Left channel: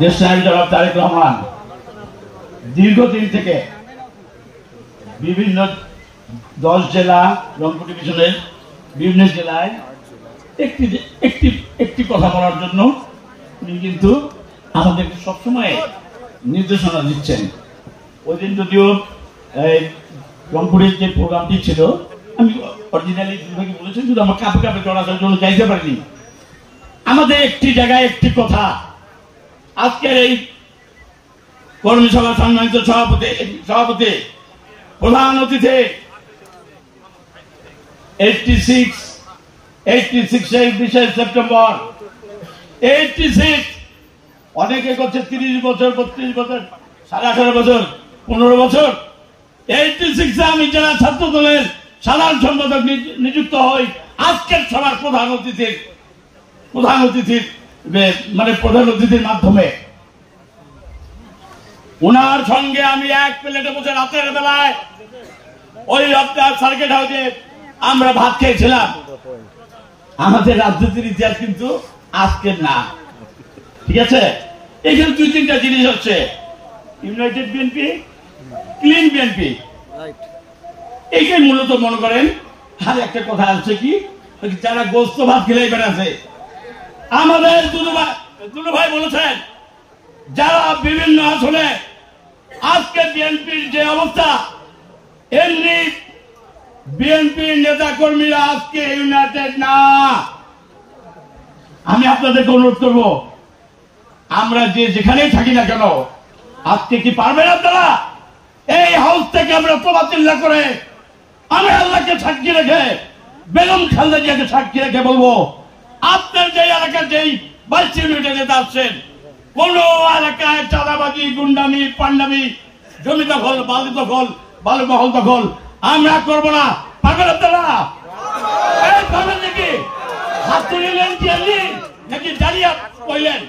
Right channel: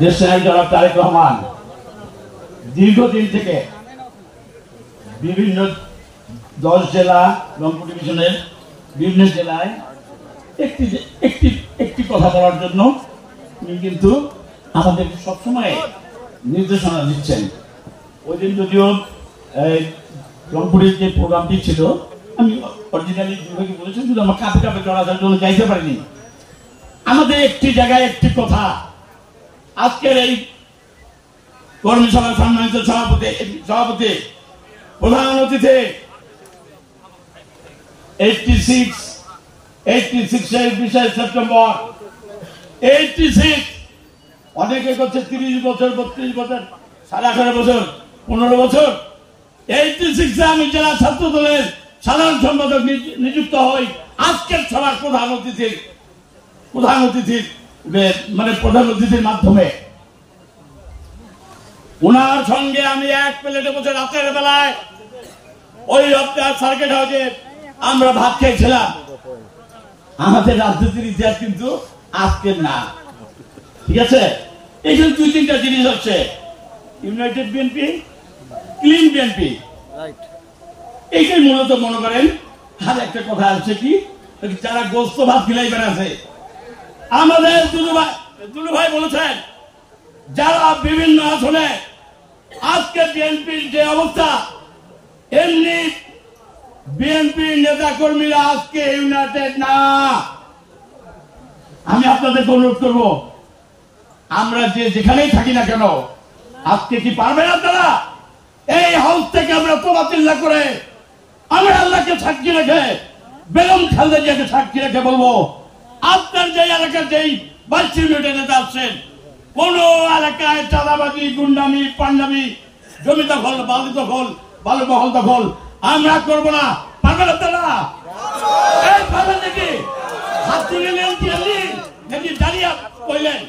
দেশনায়ক জনাব তারেক রহমান দীর্ঘদিন থেকে বিভিন্ন 10 জেলা রংপুর ডিভিশনের বিভিন্ন জেলায় একটি কথা বলার জন্য উনি কিন্তু আমাদের সবসময় নির্দেশনা দিচ্ছেন। ওই দিন যদিও রংপুরের যে প্রোগ্রামটি ছিল আমি অরিজিনালি দুর্ভাগ্য বলেছি, শুধু আমার কাপে কাপে চড়ার জন্য যাইতে পারিনি। আমাদের একটি জায়গায় একটি কথা, আজকের এই কর্মী সভার সম্মানিত সভাপতি প্রধান অতিথি 86 সেপ্টেম্বর 86, অনেকে করছে 30 বছর 32 বছর 18.5 বছর 15 বছর। 86 আমি জেলা ছাত্র দলের সাধারণ সম্পাদক নিযুক্ত হই। আজকের সভার প্রধান অতিথির মাধ্যমে ওনার সঙ্গে আমি এক প্লেটে বসে রাতের বেলায় ওই সার্কিট হাউসে আমরা ভাত খেয়েছিলাম। আমাদের রাজনীতির ইতিহাস কিন্তু আজকের না, ঠিক আছে? এখানে 2-3টা জিনিস হচ্ছে, ইউনাইটেড বিএনপি, ক্লিন বিএনপি, এইটাই মূলত মনে করেন। আর একটা কথা আছে কি, যারা গোস্ত ভাত খেলাই বেড়াচ্ছে, আমাদের দুলু ভাই বলেছেন, যারা বিভিন্ন আসলে আজকে বিএনপির যে অবস্থা, এমনি বিএনপির নেতা কর্মীরা আজকে ইউনাইটেড না। আমি আপনাদেরকে অনুরোধ করব, আমরা যেখানেই থাকি না কেন, আজকে কি পারবেন আপনারা এই হাউস থেকে আমরা প্রবাচিল্লা করে আমি আল্লাহকে সাক্ষী রেখে, বেগম খালেদা জিয়াকে সাক্ষী রেখে বলবো, আপনার যে এলাকার যেই 22 ইউনিটের নেতা আসছেন, কোন এলাকায় চাঁদাবাজি, গুন্ডামি, পান্ডামি, জমি দখল, বালি দখল, বালু মহল দখল আমরা করবো না। পারবেন আপনারা? পারবেন নাকি? হাত তুলিলেন কি আপনি নাকি দাঁড়িয়ে কইলেন?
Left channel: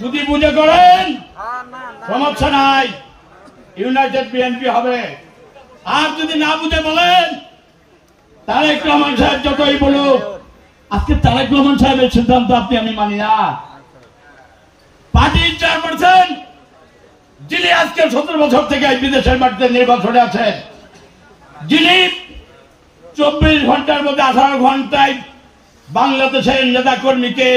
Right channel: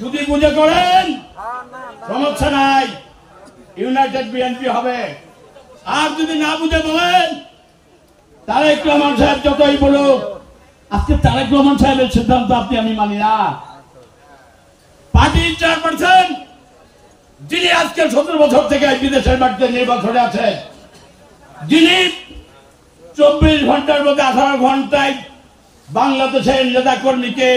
যদি বুঝে করেন সমস্যা নাই, ইউনাইটেড বিএনপি হবে। আর যদি না বুঝে বলেন, তারেক রহমান সাহেব যতই বলুক, আজকে তারেক রহমান সাহেবের সিদ্ধান্ত আমি মানি না। পার্টির চেয়ারপারসন যিনি আজকে 17 বছর থেকে বিদেশের মাটিতে নির্বাচনে আছেন, যিনি 24 ঘন্টার মধ্যে 18 ঘন্টায় বাংলাদেশের নেতা কর্মীকে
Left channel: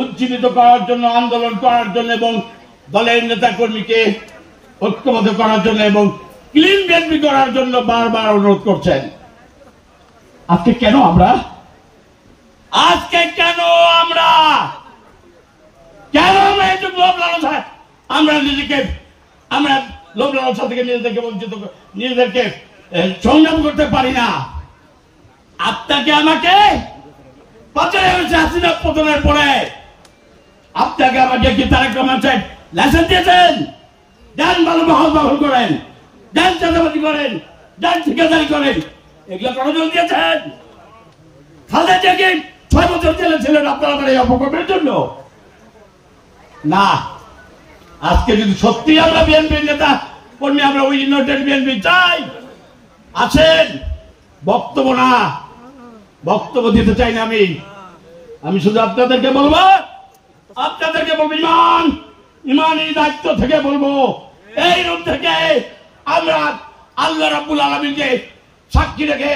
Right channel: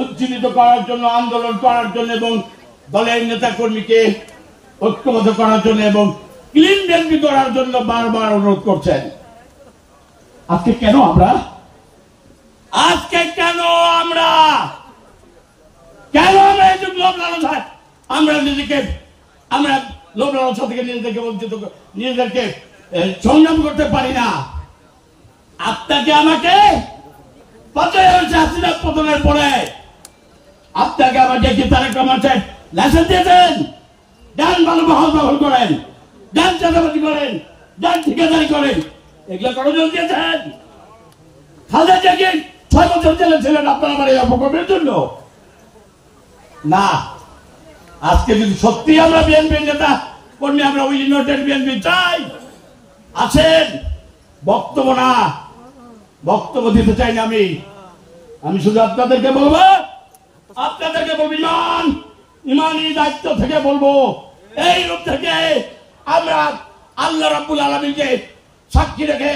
উজ্জীবিত করার জন্য, আন্দোলন করার জন্য এবং দলের নেতা কর্মীকে ঐক্যবদ্ধ করার জন্য এবং ক্লিন বিএনপি করার জন্য বারবার অনুরোধ করছেন। আজকে কেন আমরা এই লোভ লালসা, আমরা লোভ লালসা থেকে নিজেদেরকে সংযম করতে পারি না? আপনাকে আমাকে 5,000 পতনের পরে আপনাকে আমাকে কি তারেক রহমান সাহেব লাইসেন্স দিয়েছেন? ডান বালু মহল দখল করেন, ডান চাঁদাবাজি করেন, ডান ঠিকাদারি করেন, এগুলো করার জন্য দিয়েছেন? খালেদা জিয়াকে 6 বছর জেলে ছিলেন আপনারা আমার এই অপকর্মের জন্য না। আজকে যদি সত্যি আমরা বিএনপির নেতা কর্মী, আমরা ওই ইউনাইটেড বিএনপি চাই, আছেন, বক্তব্য দিতে চাই না। আমি শুধু আপনাদেরকে বলবো, ইমানি দায়িত্ব থেকে বলবো, এই রূপ থেকে আমরা আল্লাহ রাব্বুল আলামিনকে সাক্ষী রেখে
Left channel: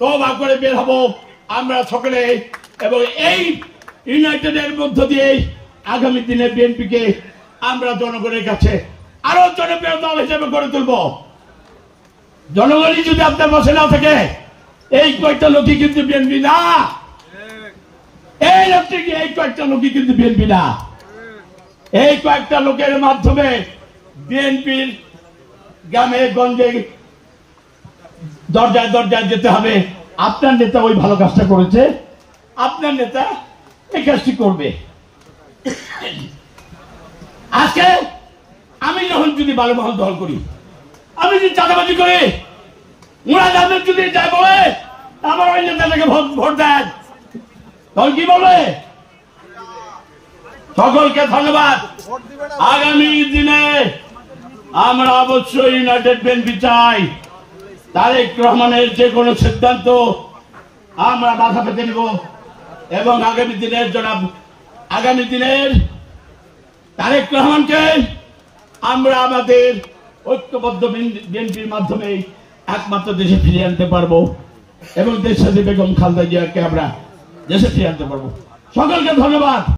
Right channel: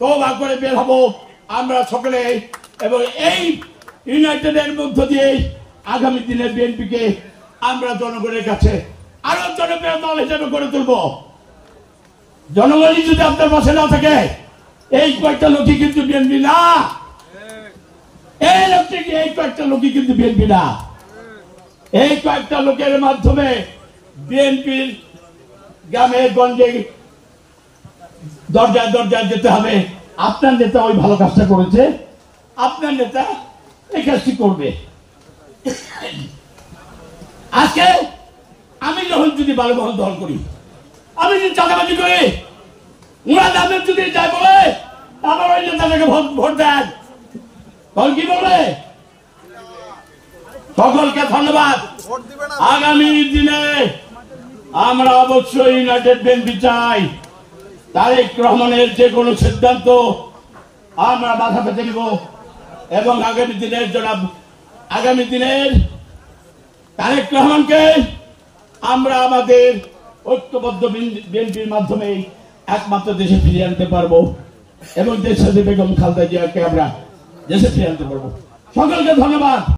তওবা করে বের হবো আমরা সকলে, এবং এই ইউনাইটেডের মধ্য দিয়ে আগামী দিনে বিএনপিকে আমরা জনগণের কাছে আরো জনপ্রিয় দল হিসেবে গড়ে তুলব। জনগণই যদি আপনার পাশে না থাকে, এই কয়েকটা লোকই কিন্তু বিএনপি না। এই কয়েকটা লোকই কিন্তু বিএনপি না। এই কয়েকটা লোকের মাধ্যমে বিএনপির গ্রামে গঞ্জে দরজায় দরজায় যেতে হবে। আপনার নেতা ওই ভালো কাজটা করেছে, আপনার নেতা এই কাজটি করবে। আজকে আমি যখন যদি বালু মহল দখল করি, আমি যদি চাঁদাবাজি করি, মুরাদ আহমেদ যদি যাই বলে আমার ওই নেতাটাকে ভোট দেন, তখন কি বলবে? সকলকে ধন্যবাদ। আগামী দিনে আমরা অবশ্যই ইউনাইটেড বিএনপি চাই। তারেক রহমানের যে কোনো সিদ্ধান্ত আমরা মাথা পেতে নিব এবং আগামী দিনের তারেক রহমানকে আমরা আমাদের ঐক্যবদ্ধ বিএনপির মাধ্যমে একমাত্র দেশে ফিরিয়ে আনতে পারবো এবং দেশে বেগম খালেদা জিয়াকে আমরা দেশে ফিরিয়ে আনতে পারবো। সকলকে ধন্যবাদ।